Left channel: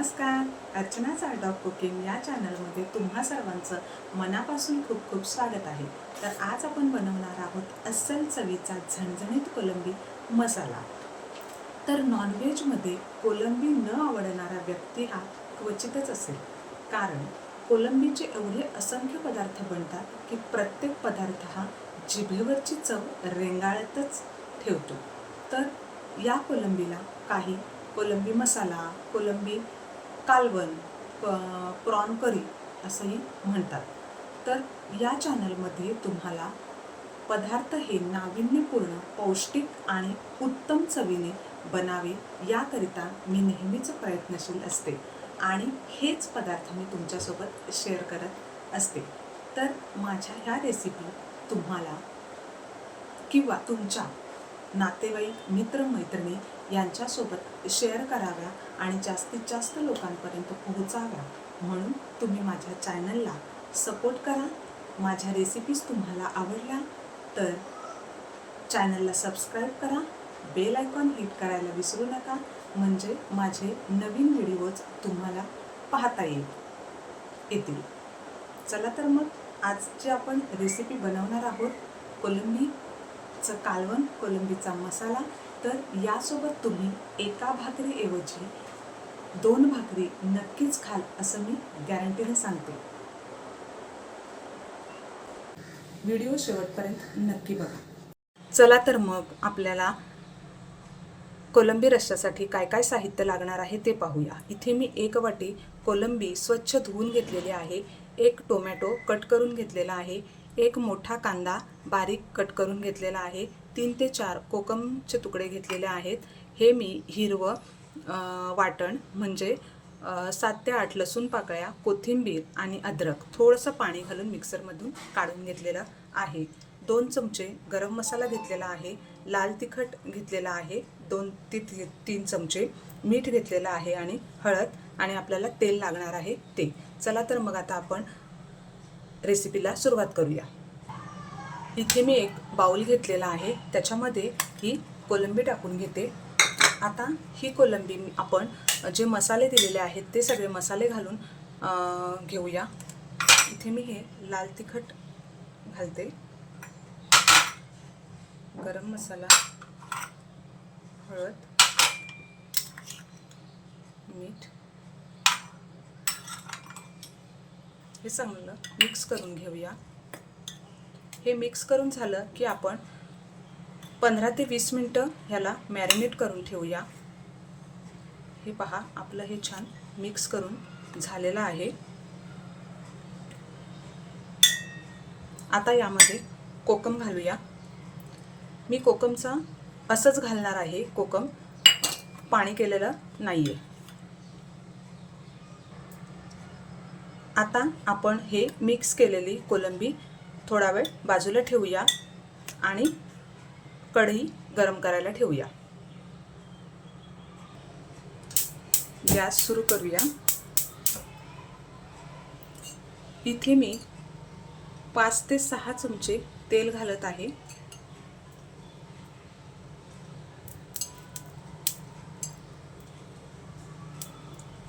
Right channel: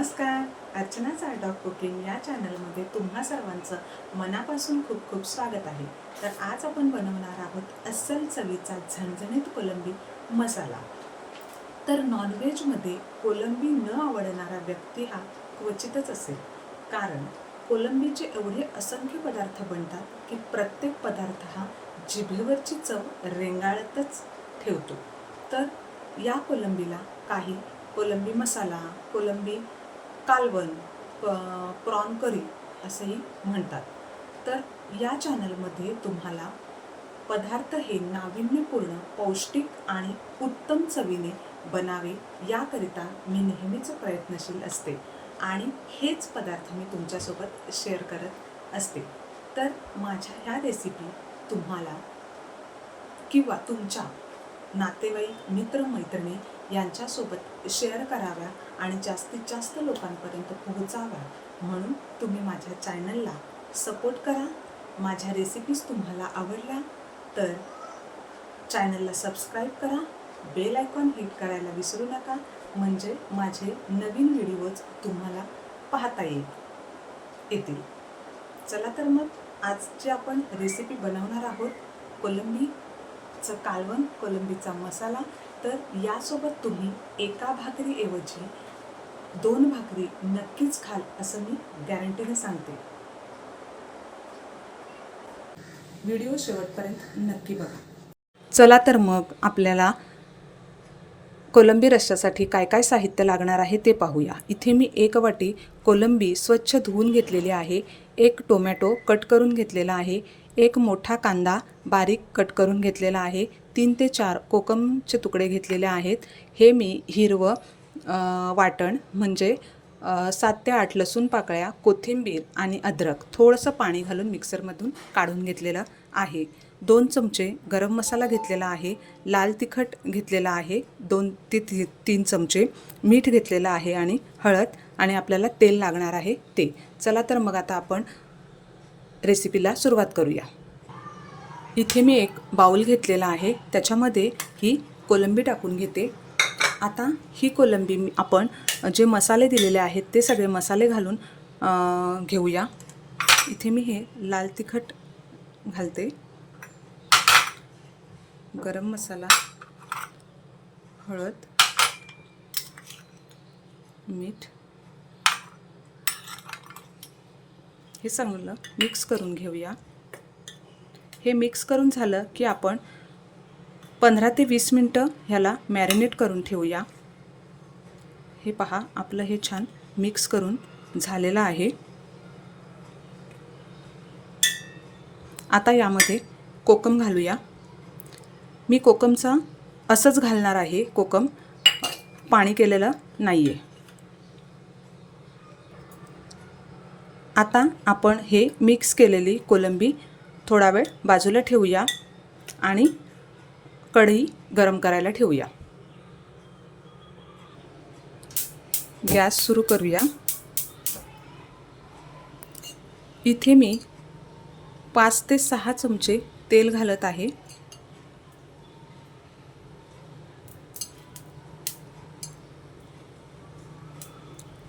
नमस्कार. अर्चनाचा dog cooking या चॅनलमध्ये तुम्हा सर्वांचं मनापासून खूप खूप स्वागत आहे. तर आज आपण बनवणार आहोत अस्सल चवीचा झणझणीत कोलंबी मसाला. तर नॉनव्हेजमध्ये कोलंबी न आवडणारा व्यक्ती हा क्वचितच असेल. कारण कोलंबीचे एवढे असंख्य पदार्थ बनतात की प्रत्येक पदार्थ हा जिभेवरची चव रेंगाळतच ठेवतो. तर या कोलंबीला काही कोलंबी मसाला कोलंबी कालवण प- प्रॉन करी असंही म्हणतात. तर या चॅनलमध्ये तुम्हाला पदार्थ हे नाविन्यपूर्ण पौष्टिक आणि उत्तम चवीने बनावे याकरिता मी नेहमीच प्रयत्नशील असते आणि हेच पदार्थ मी तुमच्यासोबत शेअर करत असते. तर माझ्या ह्या रेसिपी तुम्हाला किंवा तुमच्या नातेवाईक मित्रमैत्रिणी यांच्यासोबत शेअर कराव्या आणि जास्तीत जास्त लोकांपर्यंत पोहोचाव्या. म्हणून तुम्ही माझ्या चॅनलला सपोर्ट करा. माझ्या रेसिपीज तुम्हाला आवडल्या तर चॅनलला सबस्क्राईब करा. बेल आयकॉन हिट करायला विसरू नका. म्हणजे माझे नवीन व्हिडिओज तुम्हाला पाहता येईल. येतील. चला तर मग आज जे आपण रेसिपी बनवणार आहोत कोलंबीचं कालवण कोलंबीचा मसाला तर यासोबत तुम्ही एका भाकरीऐवजी दोन भाकरी नक्कीच खाल असं मी गॅरंटीने सांगते. व्हिडिओ शेवटपर्यंत नक्की बघा. चला तर मग आपल्याला कोलंबी रश्श्यासाठी काय काय साहित्य लागणार आहे ते पाहूया. इथे मी एक वाटी कोलंबी स्वच्छ धुवून घेतलेली आहे एक टोमॅटो कट करून घेतलेला आहे एक मोठा कांदा बारीक कट करून घेतलेला आहे तीन ते चार कोकमचे तुकडे घेतलेले आहेत. हे मी हिरवं वाटण म्हणजे सात ते आठ लसूण पाकळ्या कोथिंबीर आणि अद्रक थोडंसं पाणी घालून मिक्सरमधून काढून घेतलेलं आहे. दोन चमचे गरम मसाला घेतलेला आहे. लाल तिखट घेतलेला आहे. दोन ते ती तीन चमचे मीठ घेतलेलं आहे आणि हळद आणि आपल्याला तेल लागणार आहे ते. चला तर मग आता आपण रेसिपीला सुरुवात करूया. इथे मी एक बाउल घेतलेला आहे. त्याच्यामध्ये ही कोलंबी टाकून घेते. आता ही कोलंबी मी- आपण जे मसाले दिलेले आहेत ते सगळे मसाले घालून घेऊया. इथे मी हे लाल तिखट घालते. गरम मसाला हळद मीठ. हे चांगलं मिक्स करून घेऊया. हे मिक्स करून झालं की आपण पंधरा ते वीस मिनटं ह्याला मॅरिनेट करून ठेवूया. हे पहा आपलं हे छान मिक्स करून झालेलं आहे. आता यामध्ये कोकम घालूया. मी कोकमचा असंच घालणार आहे कोकम पाणी केलेलं नाही आहे आता आपण हे मिक्स केलेली कोलंबी थोडा वेळ बाजूला ठेवूया आणि कढई गरम करायला ठेवूया. गॅस सुरू करूया. इथे मी पाच ते सहा चमचे तेल घालत आहे.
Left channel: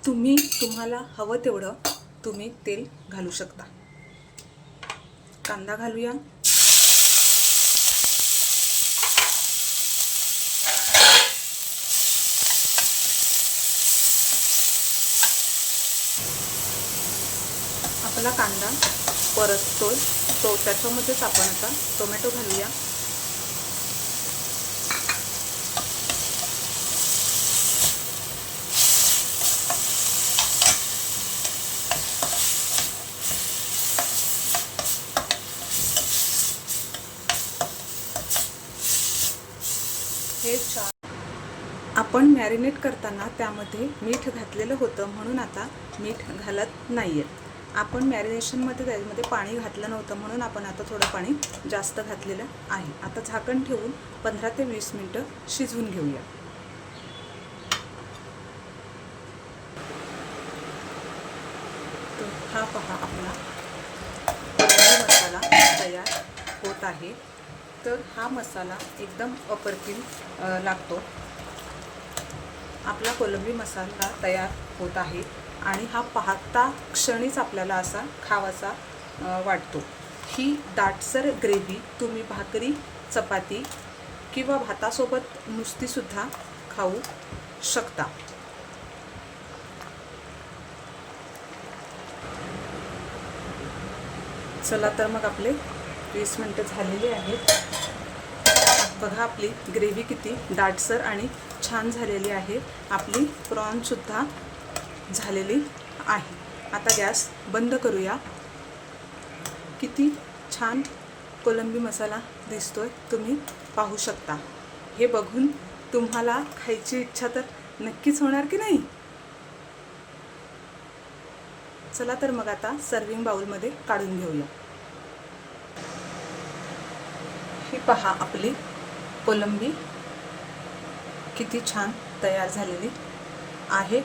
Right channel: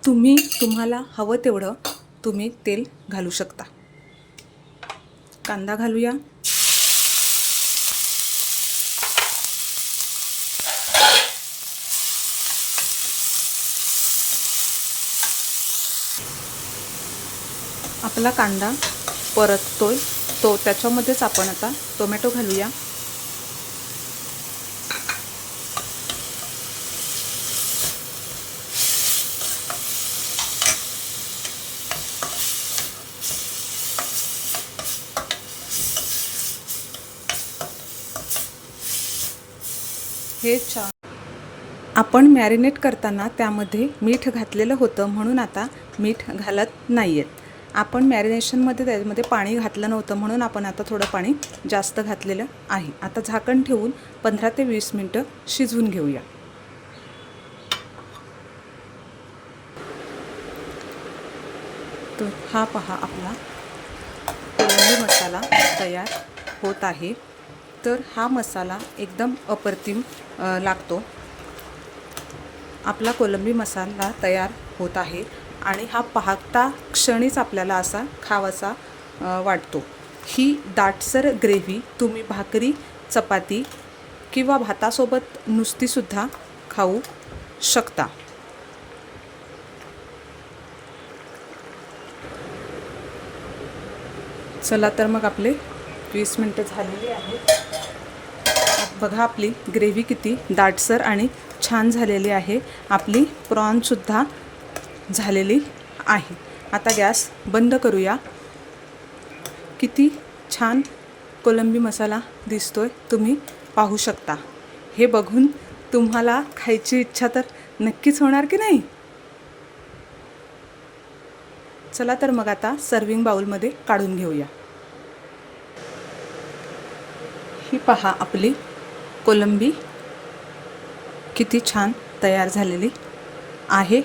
तुम्ही तुम्हाला हवं तेवढं तुम्ही तेल घालू शकता. कांदा घालूया. आपला कांदा परततोय. तो त्याच्यामध्येच आपण आता टोमॅटो घालूया. हे छान आपण मॅरिनेट करताना त्यामध्ये मीठ घातलेलं होतं म्हणून आता मीठ घालत नाही आहेत आपण मॅरिनेशनमध्ये त्यामध्ये पाणी घातलं नव्हतं म्हणून आपण आता थोडं पाणी जास्त घातलेलं आहे. आता झाकण ठेवून पंधरा ते वीस मिनटं शिजवून घेऊया. तर हा पहा आपला मसाला तयार होत आहे. तर हा मसाला एकदम अप्रतिम लागतो. आपला कोलंबी मसाला तयार होत आहे आणि हा पाहता क्षणीच आपल्याला असा खावासा वाटतो. ही दाटसर ग्रेव्ही तुम्ही भाकरी चपाती किंवा भातासोबत नुसतीसुद्धा खाऊ शकता. चला तर मग आपले वीस मिनटं झालेली आहेत. बघा आपली ग्रेव्ही किती दाटसर आणि छान झालेली आहे. आपली प्रॉनसुद्धा झालेली आहे. आता गॅस बंद करूया. किती छान कोलंबी मसाला दिसतोय तुम्ही पाहू शकता. हे बघून तुम्हाला खायची इच्छा तर नक्कीच होणार की नाही? चला तर मग आता सर्विंग बाउलमध्ये काढून घेऊया. ही पहा आपली कोलंबी. किती छान तयार झालेली आहे.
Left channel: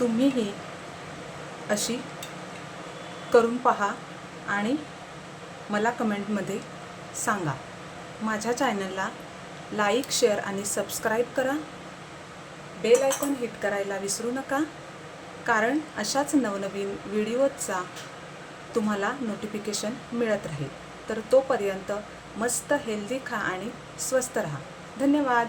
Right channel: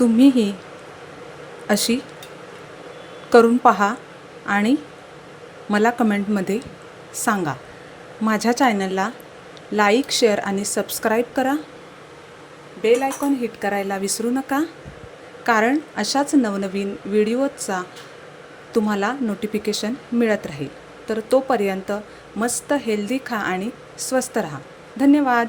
तुम्हीही अशी करून पहा आणि मला कमेंटमध्ये सांगा. माझ्या चॅनलला लाईक शेअर आणि सबस्क्राईब करा. बेल आयकॉन हिट करायला विसरू नका कारण अशाच नवनवीन व्हिडिओचा तुम्हाला नोटिफिकेशन मिळत राहील. तर तोपर्यंत मस्त हेल्दी खा आणि स्वस्त राहा. धन्यवाद.